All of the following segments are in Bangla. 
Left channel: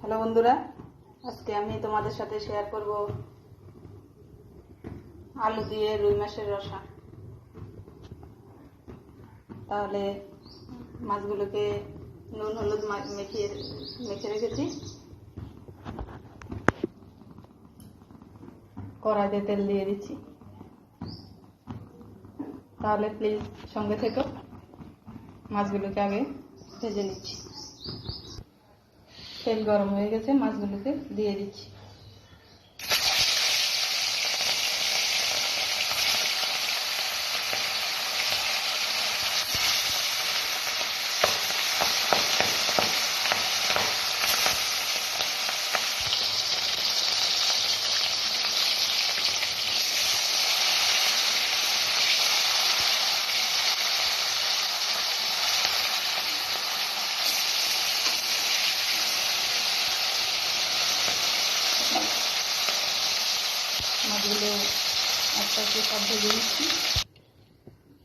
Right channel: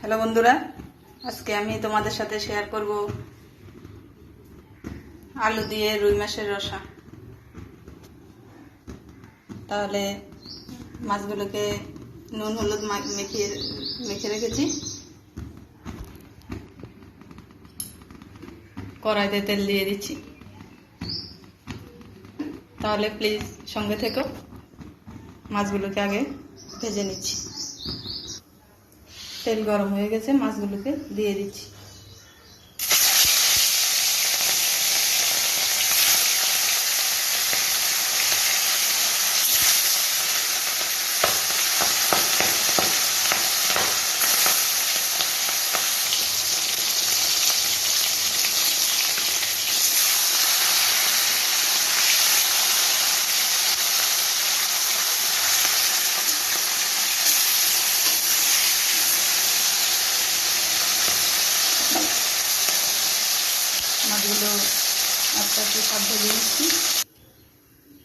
হ্যালো বন্ধুরা, আজকে আমি তোমাদের সাথে শেয়ার করব আলু দিয়ে রুই মাছের রসা। তাহলে মাছগুলোকে নুন, হলুদ মেখে মেখে রেখেছি। কড়াইতে তেল দিয়ে দিচ্ছি। তাহলে প্লিজ সঙ্গে থেকো, মাছগুলোকে আগে ভেজে নিচ্ছি। তেল গরম হয়ে গেছে মাছগুলোকে দিয়ে দিচ্ছি। মাছগুলো আস্তে আস্তে সব ভেজে নিচ্ছি।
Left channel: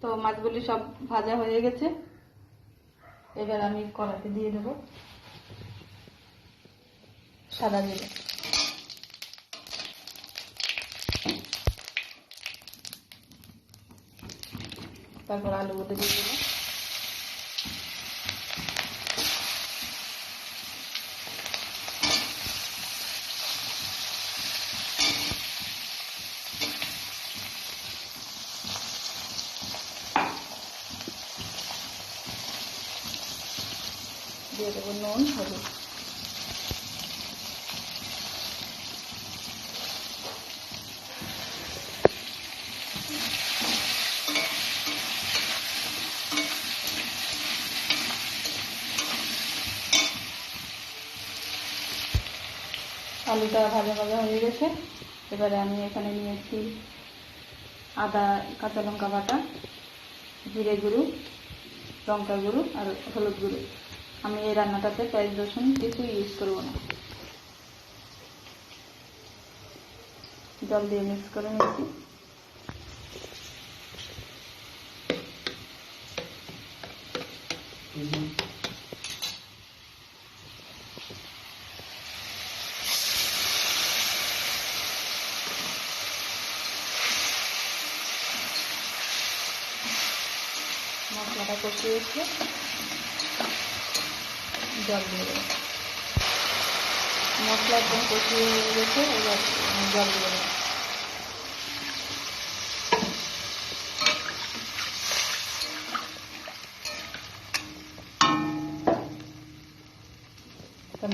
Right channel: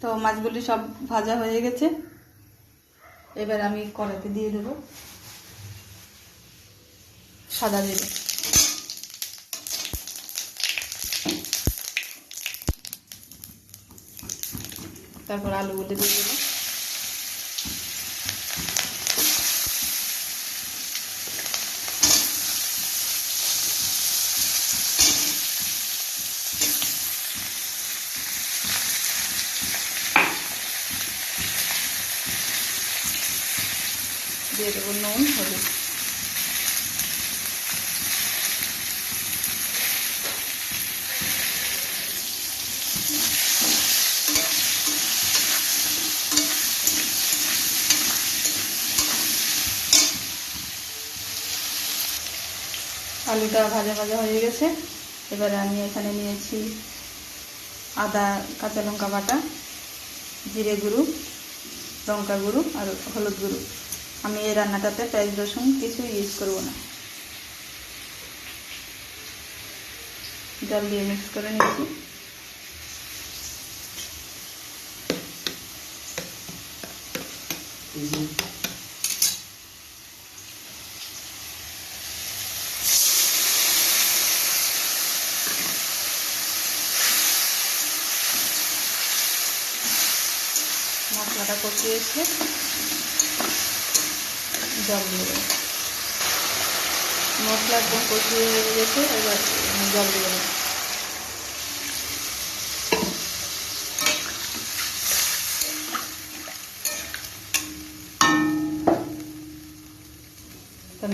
তো মাছগুলি সব ভাজা হয়ে গেছে। এবার আমি কড়াইতে দিয়ে দেবো সাদা জিরে। তারপর আলুগুলো দিয়ে দেবো। দিয়ে দেবো নুন, হলুদ। আলুটা ভাজা ভাজা হয়ে গেছে। এবারে আমি এখানে নিয়েছি আদা, কাঁচা লঙ্কা বাটা, জিরে গুঁড়ো, লঙ্কা গুঁড়ো আর হলুদ গুঁড়ো। আমি এই রান্নাটাতে পেঁয়াজ, রসুন কিছু ইউজ করব না। জল দিয়ে মিক্স করে নিচ্ছি মশলাটা কষিয়ে এসে জল দিয়ে দেবো। মশলা একদম কষিয়ে গেছে এবার জল দিয়ে দেবো।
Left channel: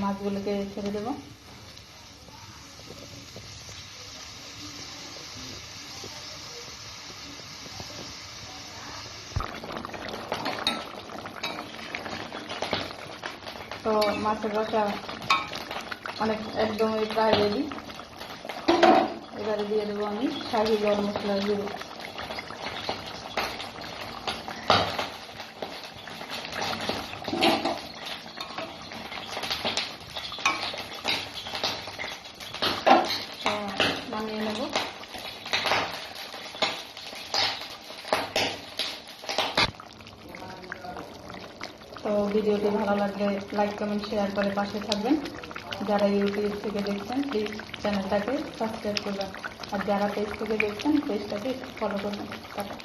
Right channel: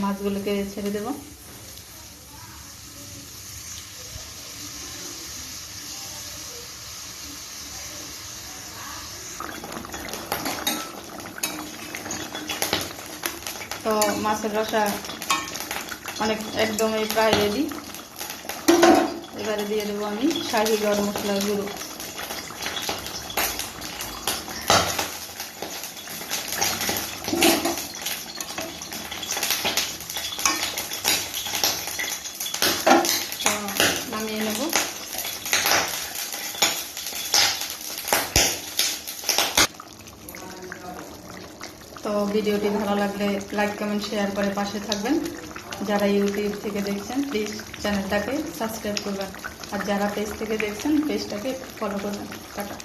মাছগুলোকে ছেড়ে দেবো। তো মাছের রসা অনেক একদমই প্রায় রেডি এবারে দিয়ে দেবো আমি শাহি গরম মশলা গুঁড়ো। তো ভিডিওটি ভালো লাগলে লাইক, কমেন্ট, শেয়ার করে পাশে থাকবেন। যারা ইউটিউব থেকে দেখছেন প্লিজ চ্যানেলটাকে সাবস্ক্রাইব করবেন। আর যারা পেজ থেকে দেখছেন পেজটাকে ফলো করবেন। টাটা।